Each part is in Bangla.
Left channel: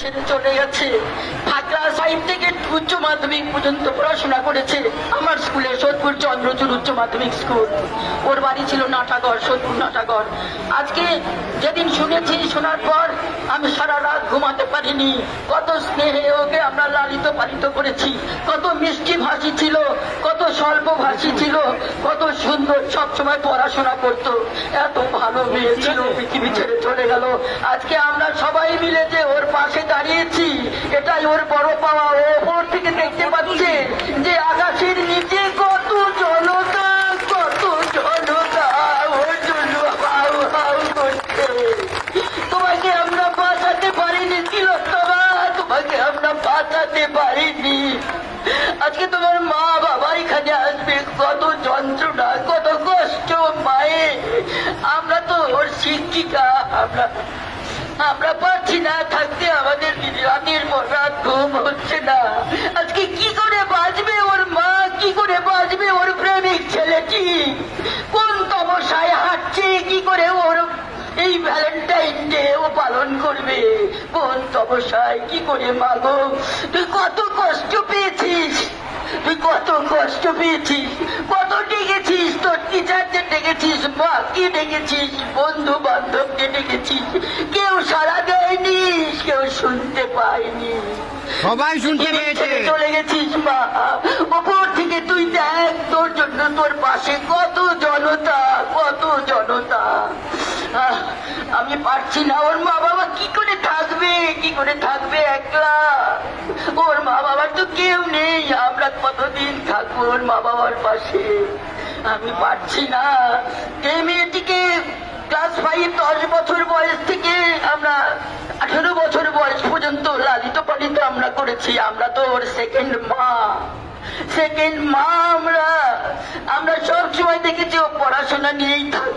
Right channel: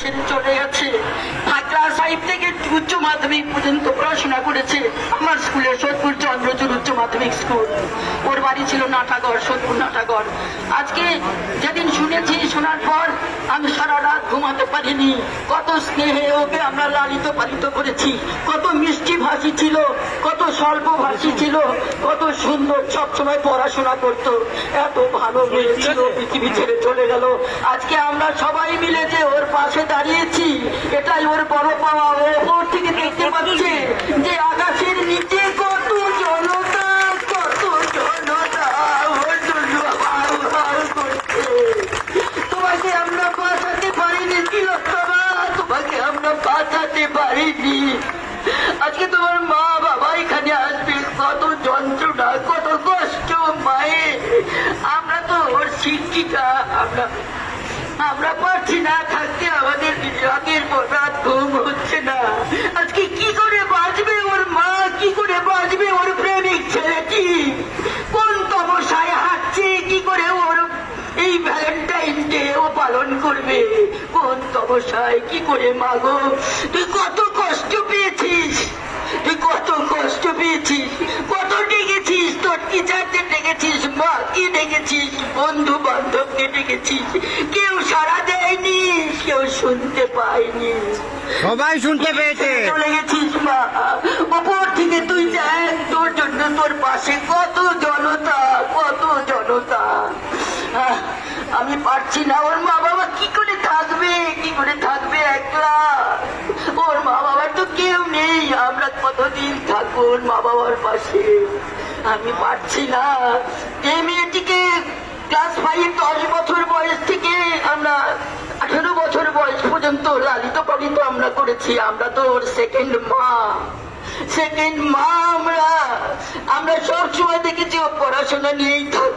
ছেড়ে চলে গেছে। ক্লাস ফাইভ থেকে উচ্চ মাধ্যমিক পর্যন্ত পড়াশোনা করেছে। আমার স্কুলে সোদপুর চন্দ্রচূড় উচ্চ মাধ্যমিক স্কুল। ওর বাড়ি ছিল নাটাগড় সোদপুর নাটাগড়। আজকে যেদিন শুনেছি শোনার পর আমি সারা রাত ঘুমাতে পারিনি। কত স্নেহে ওকে আমরা লালিত পালিত করেছি। কত মিষ্টি ভাষী ছিল কত স্বল্প ভাষী ছিল কত সুন্দর সবসময় পড়াশোনা করতো। এত ভালো মেয়ে ছিল পৃথিবী ছেড়ে চলে গেল। আজকে আমরা সবাই মিলে যে ওর পাশে এটাই বড় পাওয়া ওপর থেকে দেখতে পাচ্ছে যে আকাশের নিচে কত জনতা কত জনতা তোমাকে আমরা বাঁচাতে পারিনি তিলোত্তমা। তোমাকে আমরা বাঁচাতে পারিনি। আজকে তোমার মা বাবা এখানে আসবে। কত যন্ত্রণা কত কষ্ট মায়ে আমরা তো ওর শিক্ষিকা আমরা আমরা পারছি না থাকতে আমাদের রাতের পর রাত ঘুম হচ্ছে না আজকে কি করে বাঁচবে ওর মা কি করে বাঁচবে ওর প্রেমিক ছেলেটি কোন তমসায় হাঁটছে কি করে ওর এই ভ্যালেন্টাইন ডে ও পালন করবে। কোন তমসায় কি করে মাগো? তুই কত কষ্ট পেয়েছিস? তুই কত কষ্ট পেয়েছিস? কত ডেকেছিস? তোর টিচারদের ডেকেছিস? মা কি ডেকেছিস? বন্ধু বান্ধবকে ডেকেছিস? কেউ সারা দেয়নি কেউ শুনতে পায়নি। সবাই শুনতে পেয়েছে। চলে গেছিস মা। ওপর থেকে তুই দেখ তোর জন্য তোর পাশে কত জনতা কত জনতা। আমি পারছি না, ওর মা বাবা কি করে থাকবে? কি করে থাকবে একলা? ওর মা বাবার তো কেউ নেই, আমরা কতদিন থাকব ওর মা বাবার পাশে? আমি পারছি না। এই মেয়েটিকে ক্লাস ফাইভ দশ বছর বয়স থেকে আমরা আঠেরো বছর বয়স পর্যন্ত লালিত পালিত আমরা করেছি, আমরা তো ওর সেকেন্ড মা। সেকেন্ড মা আমরা আমরা সব সময় দেখেছি, ও পড়াশোনা নিয়েই থাকতো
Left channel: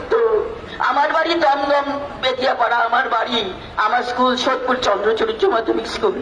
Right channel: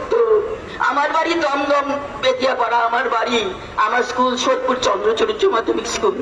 আমার বাড়ি দমদম বেদিয়াপাড়া আমার বাড়ি আমার স্কুল সোদপুর চন্দ্রচরিত্র মাধ্যমিক স্কুল